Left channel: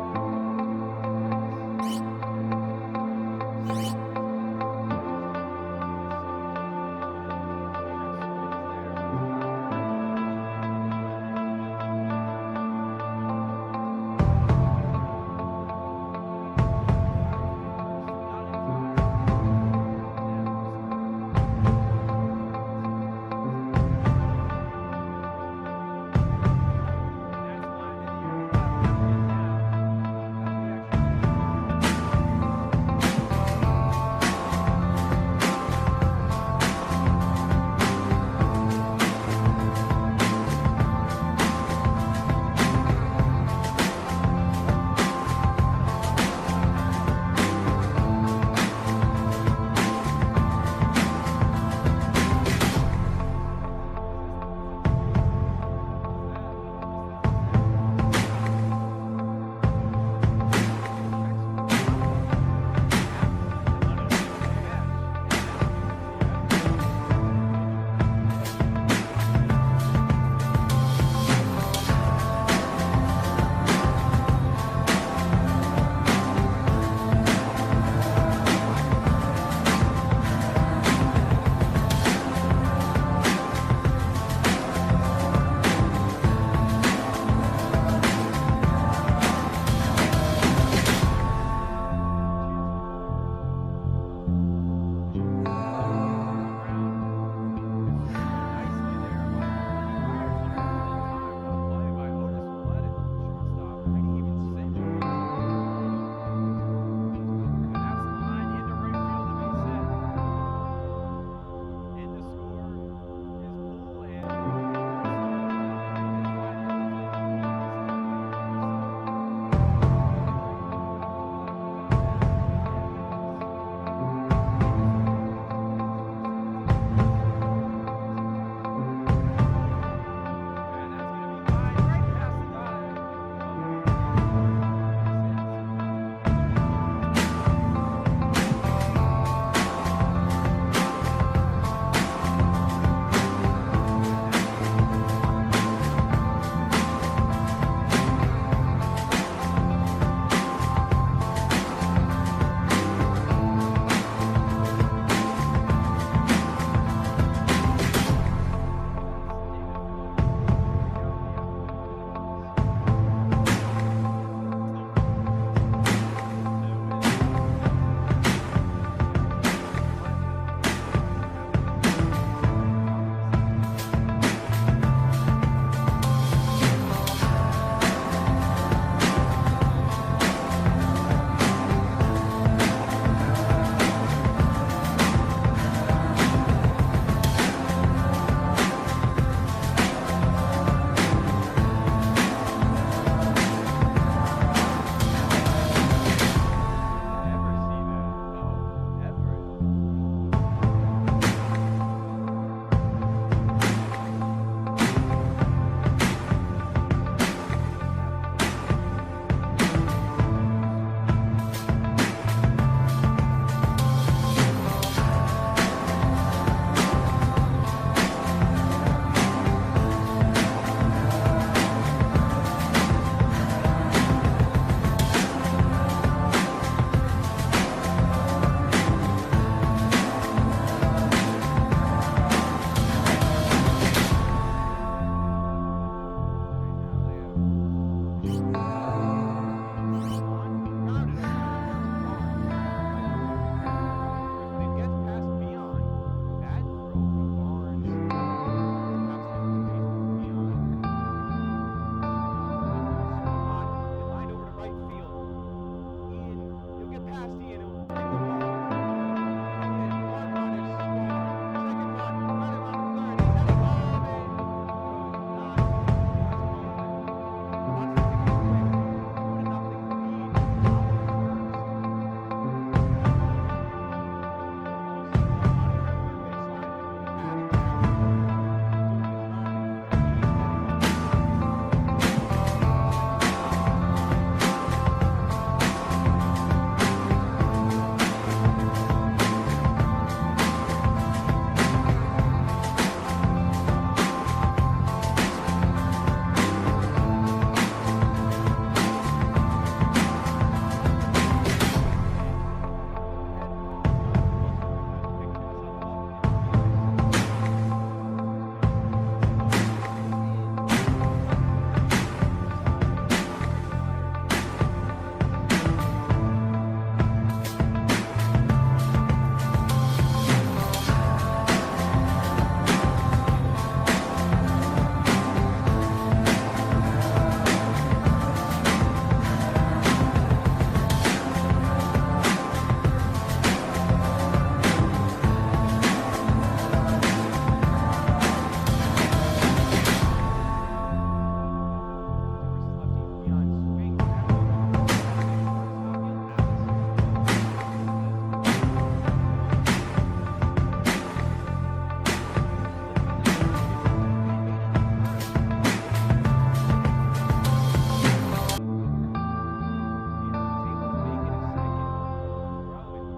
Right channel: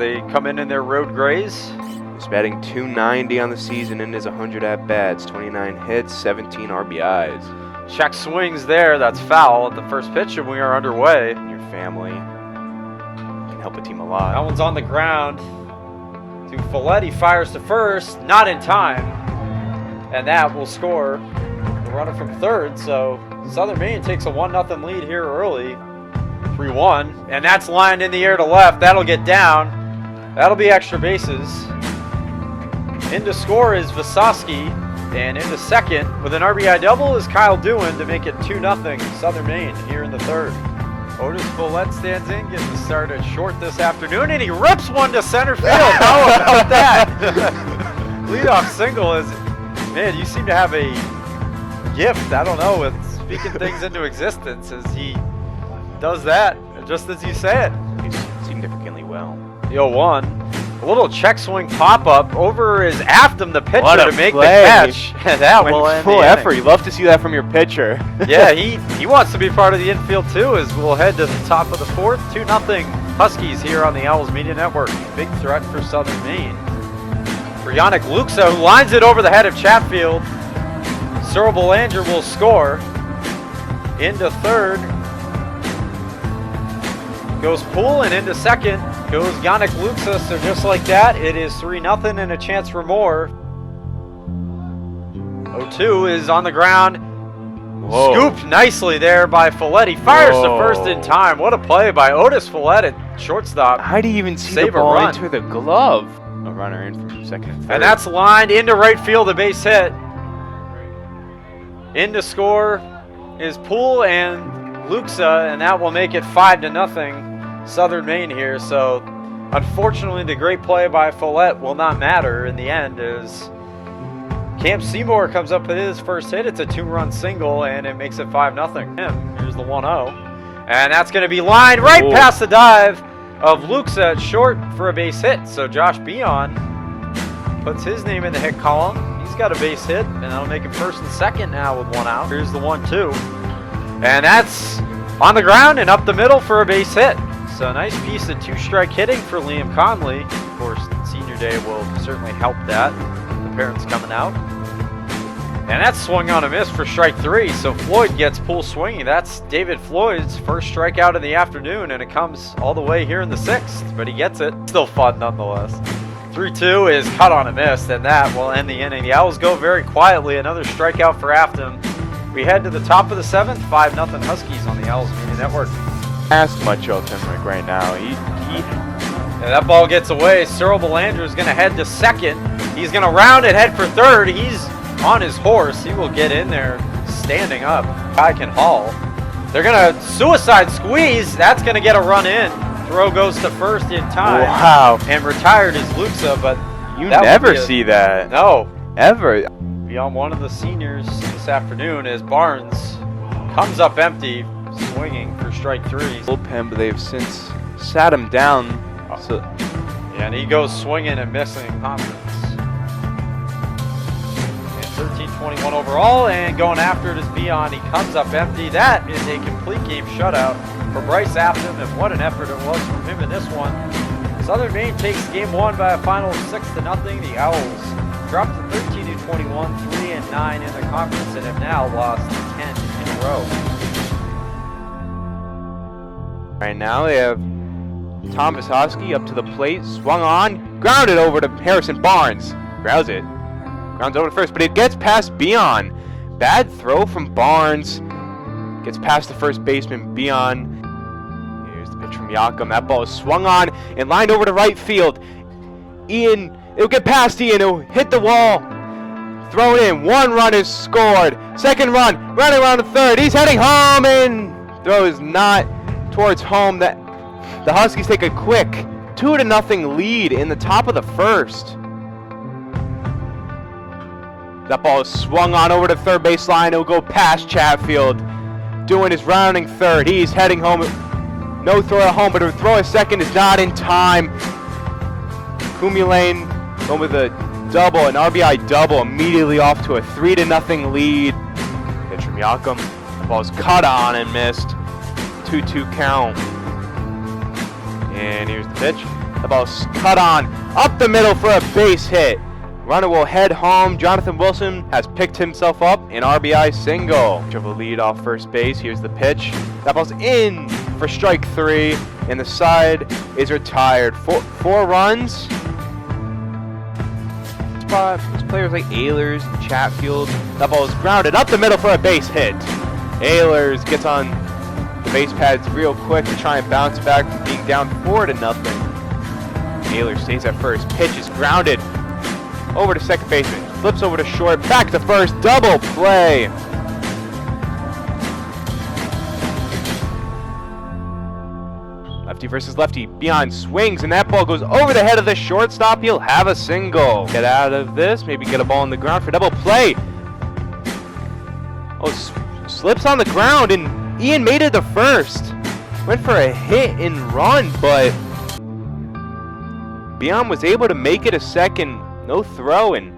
they come in their road grays. He's batting .290 on the season and his 100 at-bats, 29 hits, 17 RBIs. Check swings there, that's foul at the first pitch, and we are underway. Your family can help a team a That lot. one's on the ground to Folletti, fires to first, not in time. And that will score the runner from third, so Southern Maine takes a 1-0 lead here early. 3-1, and that's lined in the air to left. That'll get down. That'll be extra bases. In to score is Visosky, and in the second with an RBI double is Kyle Dewin to make it 2-0 Southern Maine here in the third. Otis Follett stands in, gets started short this afternoon, and he rips one to center field. How about that? Leadoff single is, man, you seem to have a gift, I don't know, with speaking things into existence as he does that, just as you said. He's significantly well. The 0-1. A little check swing pop-up over is Afton, the pitcher, What a to make play. the catch. And that will Went end full the effort. inning. You love to see that from your pitcher. Yeah, he wants to be part of the infield too, as we'll head to the top of the fourth. 2-0 Huskies here on the Owls Media Network. Big threat for Southern Maine. For Yannick Luxa, who lines it over the head of Chatfield. Cyril Belanger will score. Into third goes Poole, and into second goes Yannick Luxa. So just like that, it is 3-0 and a chance for more. 0-2 is on the ground. Whoa. Scooped nicely there by Folletti. Fires to Whoa. first in time. What a play by Otis Follett at shortstop. How do you even see Save the a ball run. into the glove? A runner in from second and third. And that's lined into right field, a base hit. In to score is Poole and Luxa, and that will make it 5-0 Southern Maine here. So unfortunately, the great play by Follett will not matter in the end, as Cam Seymour comes up with his first hit. It's a 2-run single, and it makes it 5-0. Here's the 1-0. And that's going to be lined right Ooh. past the dive of Luxa at short for a base hit. So Josh Beon puts his name in the hit column. He's got a base hit, and that'll make him first and second now with 1 out. Here's the 1-2. And that's on the ground and up the middle for a base hit. So a nice piece of 2-strike hitting for Liam Conley. Of course, senior day will certainly help that. Parents coming out. And that's swung on a miss for strike 3. So Floyd gets Poole swinging. That's David Floyd's first strikeout of the afternoon, and it comes all the way here in the 6th. But he gets it. Still fun nonetheless. 3-2 is cut on a miss, and that will end the inning. The Owls go very quietly. Another strikeout for Afton. We head to the top of the 7th. 5-0 Huskies on the Owls Media Network. Ask much of him like right now. And that ball gets away. Cyril Belanger is going to head to second. He's going to round it, head for third. He's on his horse. He will get in there standing up. Kai can haul. They're going to suicide squeeze. That's going to get a run in. Throw goes to first in time. Wow. And retired is Luxa, but You that would never be a- see that. no. Ever. Be on one of the seniors this afternoon as Barnes comes up empty, swinging for strike 3. Bullpen, but they've since sat him down. So And he goes swinging and missing confidence. 13-21 overall, and going after it is Beon. He comes up empty. That is a complete game shutout for Bryce Afton, and what an effort it was from him in this one. Southern Maine takes game 1 by a final 6-0. The Owls dropped from 13-21 to 3-9 in the conference, and have now lost 10 in a row. right now they have Tom Visosky up to the plate, swung on, grounded over to Harrison Barnes. Grounds it. Grounds over to first, but it gets past Beon. Bad throw from Barnes. Gets past the first baseman, Beon. Here's the pitch from Yakum. That ball is swung on and lined over to right field. Ian, it'll get past Ian. It'll hit the wall. Thrown in. 1 run is scored. 2nd run, running around to third. He's heading home, and throw is not towards home. That the Huskies take a quick 2-0 lead in the top of the 1st. That ball is swung on over to third base line. It'll go past Chatfield. Doing his rounding third. He's heading home. No throw at home, but a throw at second is not in time. Kumulane over the double, an RBI double, immediately off to a 3-0 lead. Pitch from Yakum. The ball's cut on and missed. 2-2 count. And here's the pitch. The ball's cut on, up the middle for a base hit. Runner will head home. Jonathan Wilson has picked himself up an RBI single. Triple lead off first base. Here's the pitch. That ball's in for strike 3, and the side is retired. Four runs. Players like Ehlers and Chatfield. That ball is grounded up the middle for a base hit. Ehlers gets on the base pads real quick to try and bounce back from being down 4-0. Ehlers stays at first. Pitch is grounded over to second base. Flips over to short. Back to first. Double play. Lefty versus lefty. Beyond swings, and that ball goes over the head of the shortstop. He'll have a single. Get out of this. Maybe get a ball on the ground for double play. Oh, slips on the ground, and Ian made it to first. Went for a hit and run, but Beyond was able to make it a second. No throw, and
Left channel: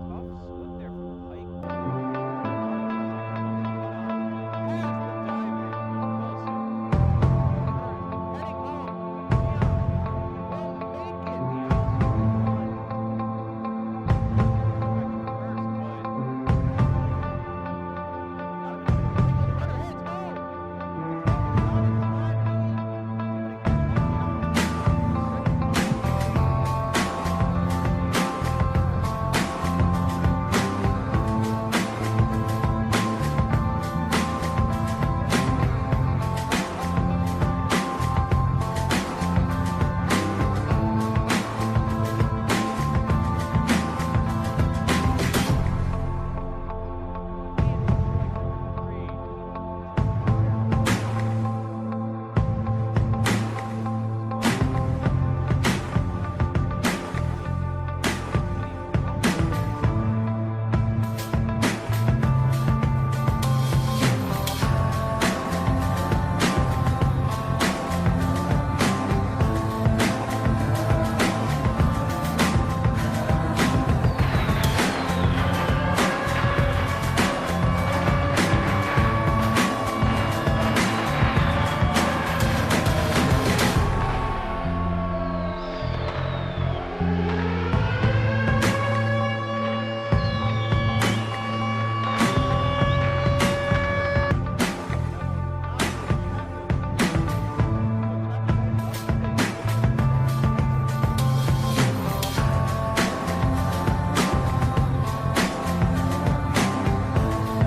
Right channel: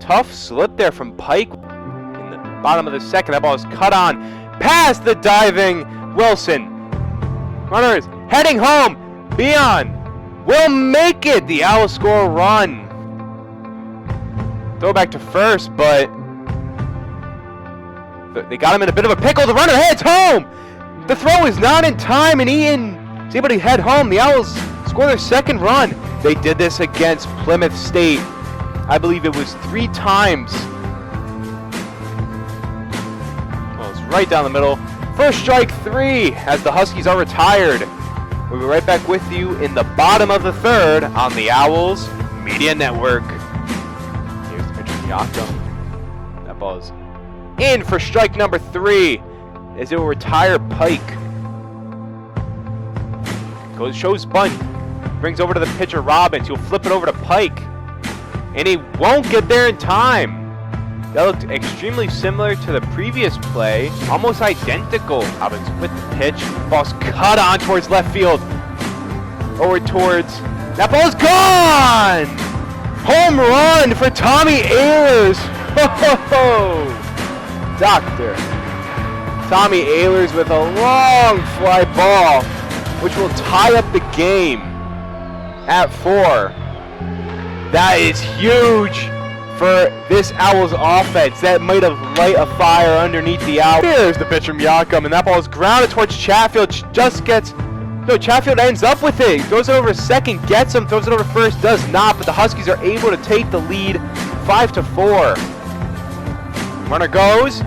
tough slip there from Pike in the bottom of the second. That ball is cut on past the diving Wilson. Runner is heading home. Beyond will make it. The Owls score a run. Throw back to first, but they got him in a bit of a pickle. The runner heads home. The throw is not in time, and Ian is able to head home. The Owls score their second run. They did this against Plymouth State. I believe it was 3 times. Well, it's right down the middle. First strike 3 as the Huskies are retired. We'll be right back with you in the bottom of the third on the Owls Media Network. Here's the pitcher, Yakum. That ball is in for strike number 3 as it will retire Pike. Shows bunt. Brings over to the pitcher Robbins. He'll flip it over to Pike. And he won't get there in time. That looked extremely similar to the previous play. Almost identical. Robbins with the pitch. Ball's cut on towards left field. Over towards... That ball's gone! Home run for Tommy Ehlers. Doctor. Tommy Ehlers with a long fly ball, which will tie up the game at 4. That is huge for this Owls offense. That might have light a fire underneath the Owls. Here's the pitch from Yakum, and that ball is grounded towards Chatfield. Chatfield ends up with it. He throws it over second, gets him, throws it over first, does not, but the Huskies are able to take the lead 5-4. Runner goes.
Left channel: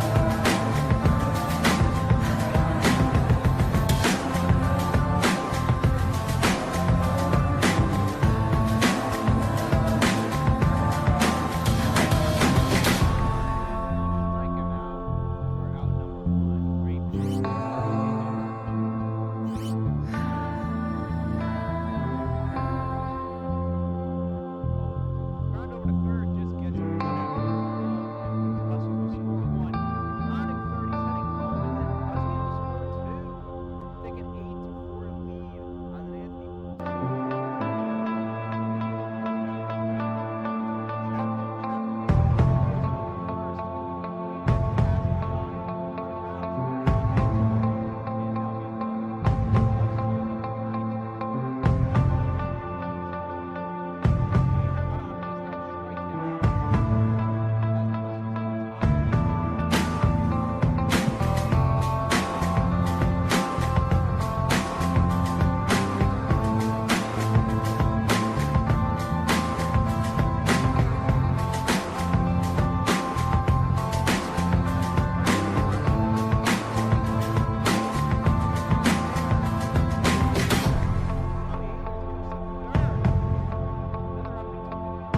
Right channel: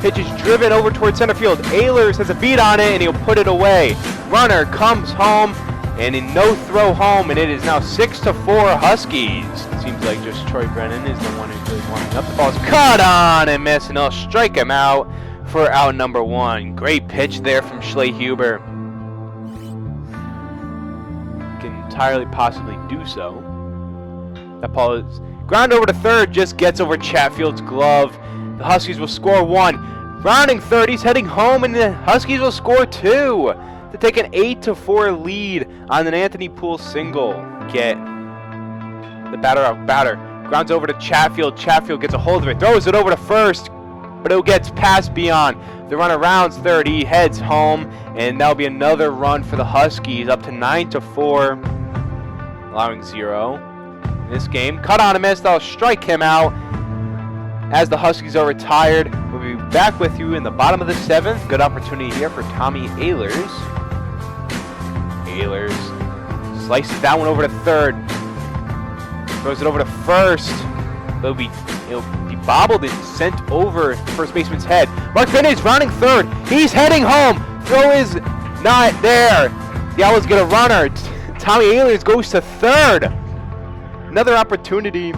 Pitch is driven over towards center field. Ehlers has a beat on it, and he'll put it away. Runner comes home, and in no throw home, and it is now 6-4 Huskies. It seems like just Troy Brennan is the one who's lining up. The ball's cut on and miss, and they'll strike him out for out number 1. Great pitch there from Schlehuber. Can entirely possibly do so. That ball is ground over to third, just gets over Chatfield's glove. The Huskies will score 1. Rounding third, he's heading home, and the Huskies will score 2 to take an 8-4 lead on an Anthony Poole single. Get the batter off batter. Grounds over to Chatfield. Chatfield gets a hold of it, throws it over to first, but it gets past Beyond. The runner rounds third, he heads home, and that'll be another run for the Huskies, up to 9-4, allowing 0 in this game. Cut on a miss, that'll strike him out as the Huskies are retired. We'll be back with you in the bottom of the 7th. Good opportunity here for Tommy Ehlers. Ehlers slices that one over to third. Throws it over to first. He'll be bobbled and sent over the first baseman's head. Mark Bennett is rounding third. He's heading home. Throw is not there. The Owls get a runner. Tommy Ehlers goes to third. Another opportunity.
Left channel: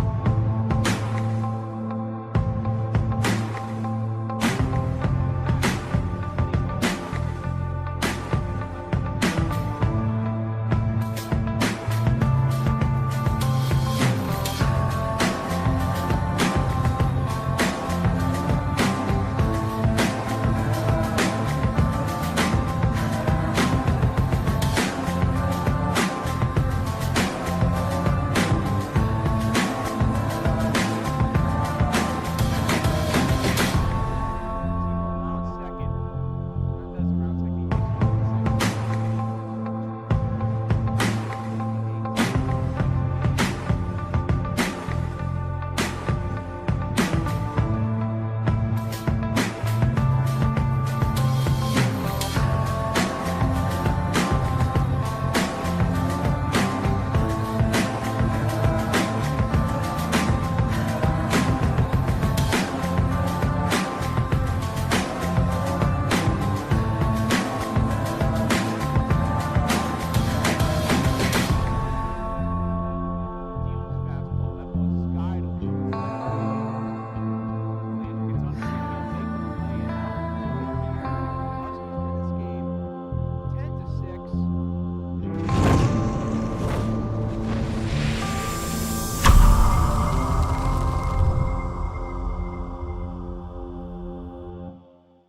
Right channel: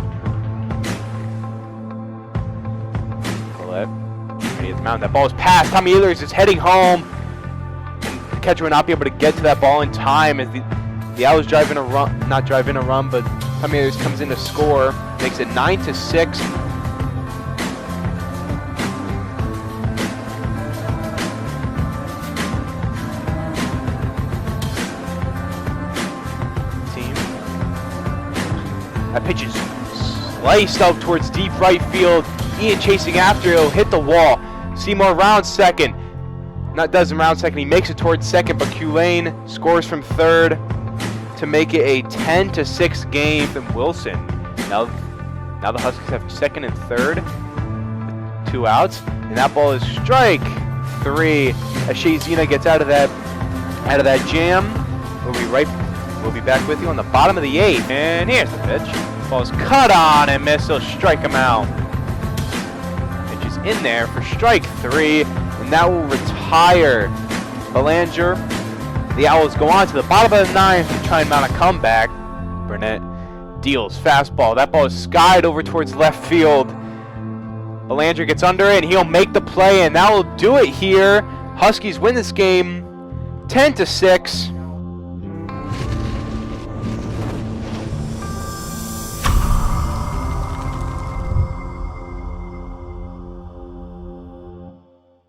That ball is passed. Tommy Ehlers is heading home. The catcher will not be able to get to that ball in time as the Owls driving a run, not driving a run, but Tommy Ehlers comes in to score, makes it 9-6. That pitch is sliced out towards deep right field. Ian chasing after, he'll hit the wall. Seymour rounds second. Doesn't round second, he makes it towards second, but Culane scores from third to make it a 10-6 game from Wilson. Now the Huskies have second and third, 2 outs, and that ball is strike 3. As Shazina gets out of that jam. We'll be back with you on the bottom of the 8th. And here's the pitch. Ball's cut on and miss. He'll strike him out. Pitch is in there for strike 3, and that will retire Belanger. The Owls go on to the bottom of the 9th to try and mount a comeback. Burnett deals fastball. That ball is skied over towards left field. Belanger gets under it, and he'll make the play, and that will do it here. Huskies win this game 10-6.